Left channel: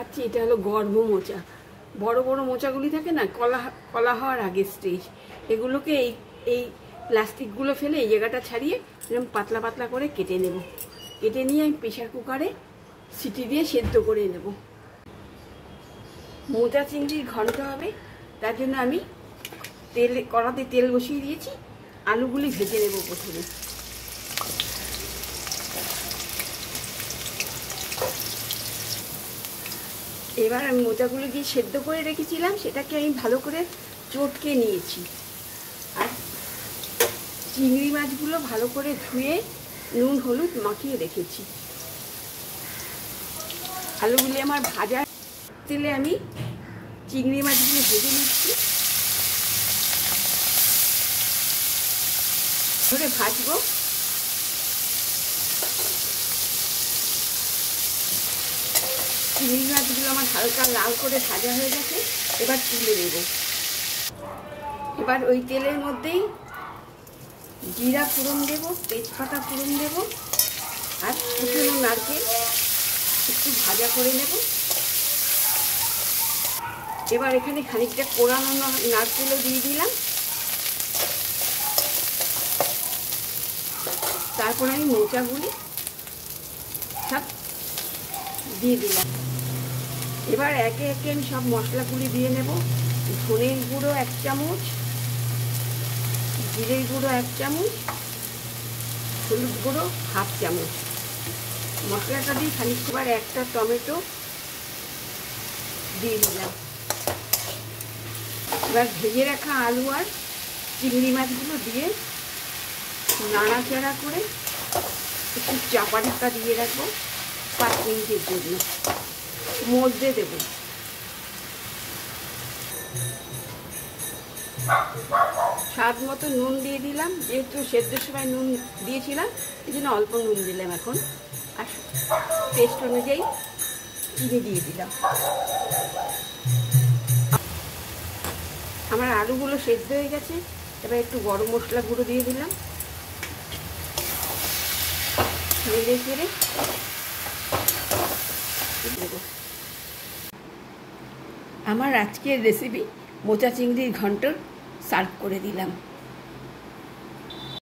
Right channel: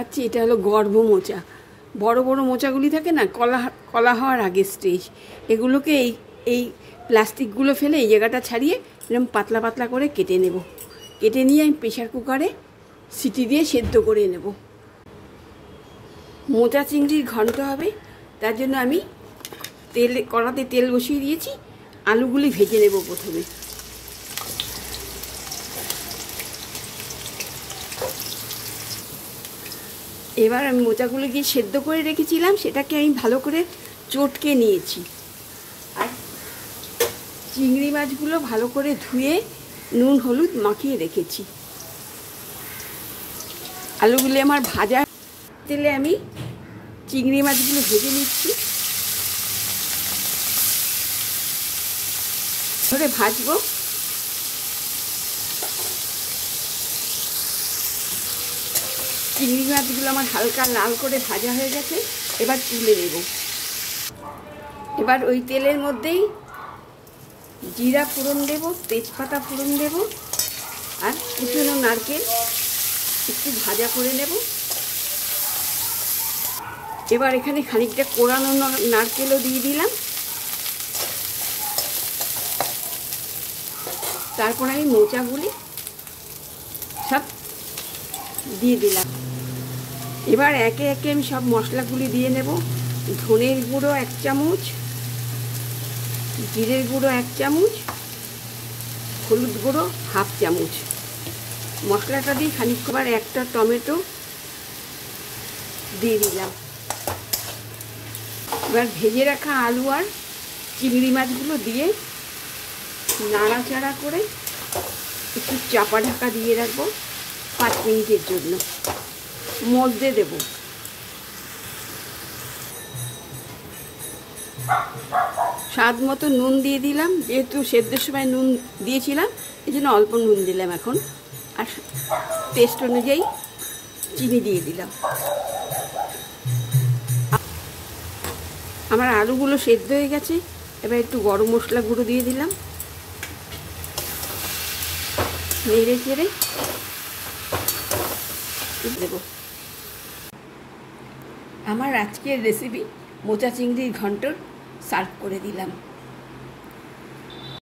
আচ্ছা, এটা হলো গর্ভ মোচা। বড় বড় মোচাগুলি থাকে না, কলা কলা হওয়ার আগে স্টেজ, এগুলোকে এই এই প্লাস্টিকগুলো ফেলে এই জায়গাটা ছাড়িয়ে এরকম পাতলা পাতলা করে কেটে নেব। কেটে নিয়ে আমি প্রেশার কুকারে সিটি দিয়ে সেদ্ধ করে নেব। মোচা চিংড়ির ঘন্ট হবে, তার জন্য আমি কড়াতে তেল বসিয়ে দিয়েছি। আলুগুলি ভেজে নেব প্রথমে। এবার আমি মোচাগুলো গিয়ে সেদ্ধ করে রেখেছিলাম, সেটাকে আমি ভালো করে চটকে নিয়েছি। আর চিংড়ি মাছগুলো ভালো করে ধুয়ে নুন হলুদ মাখিয়ে রেখেছি। আলুগুলি আমার ভাজা তেলে আমি চিংড়ি মাছগুলো ভেজে নিচ্ছি। ধরে ভাজবো। চিংড়ি মাছগুলো আমার হালকা লাল করে ভাজা হয়ে গেছে, এবার তুলে নেব। এবার ওই তেলের মধ্যেই জিরা ফোড়ন দেব, তেজপাতা ফোড়ন দেব, আর কুচনো নারকেল একটু ভাজা করে নেব। এবার এখানে খানিকটা কোরানো নারকেলও দিয়ে দিলাম। তারপর আমি মোচাগুলি সব দিয়ে দিলাম। এবার একে একে আমি সব মশলাগুলি দিয়ে নেব। ধনের গুঁড়ো 1 চামচ, জিরের গুঁড়ো 1 চামচ, হলুদ গুঁড়ো 1/2 চামচ। মশলাটা দিয়ে খানিকবার একটা টমেটো দিয়ে দিলাম। এবার ভেজে রাখা আলু আর চিংড়ি মাছগুলো দিয়ে নাড়াচাড়া করে একটু চাপা ঢাকা দিয়ে রাখবো 5 মিনিটের জন্য। মধ্যে দেব। স্বাদ মতো নুন দিয়ে দিলাম, যেহেতু সেদ্ধর সময় নুন দিয়েছিলাম এই জন্য অল্প নুন দিলাম এখন। আর টেস্ট অনুযায়ী চিনি দিয়ে দিলাম। আমার আলুগুলো সেদ্ধ হয়ে গেছে, এবার একটু গরম মশলা গুঁড়ো দিয়ে দিলাম। নেড়ে চেড়ে দেবো। আমার আজকের রেসিপি মোচা চিংড়ির ঘন্ট সার্ভ করে দিলাম।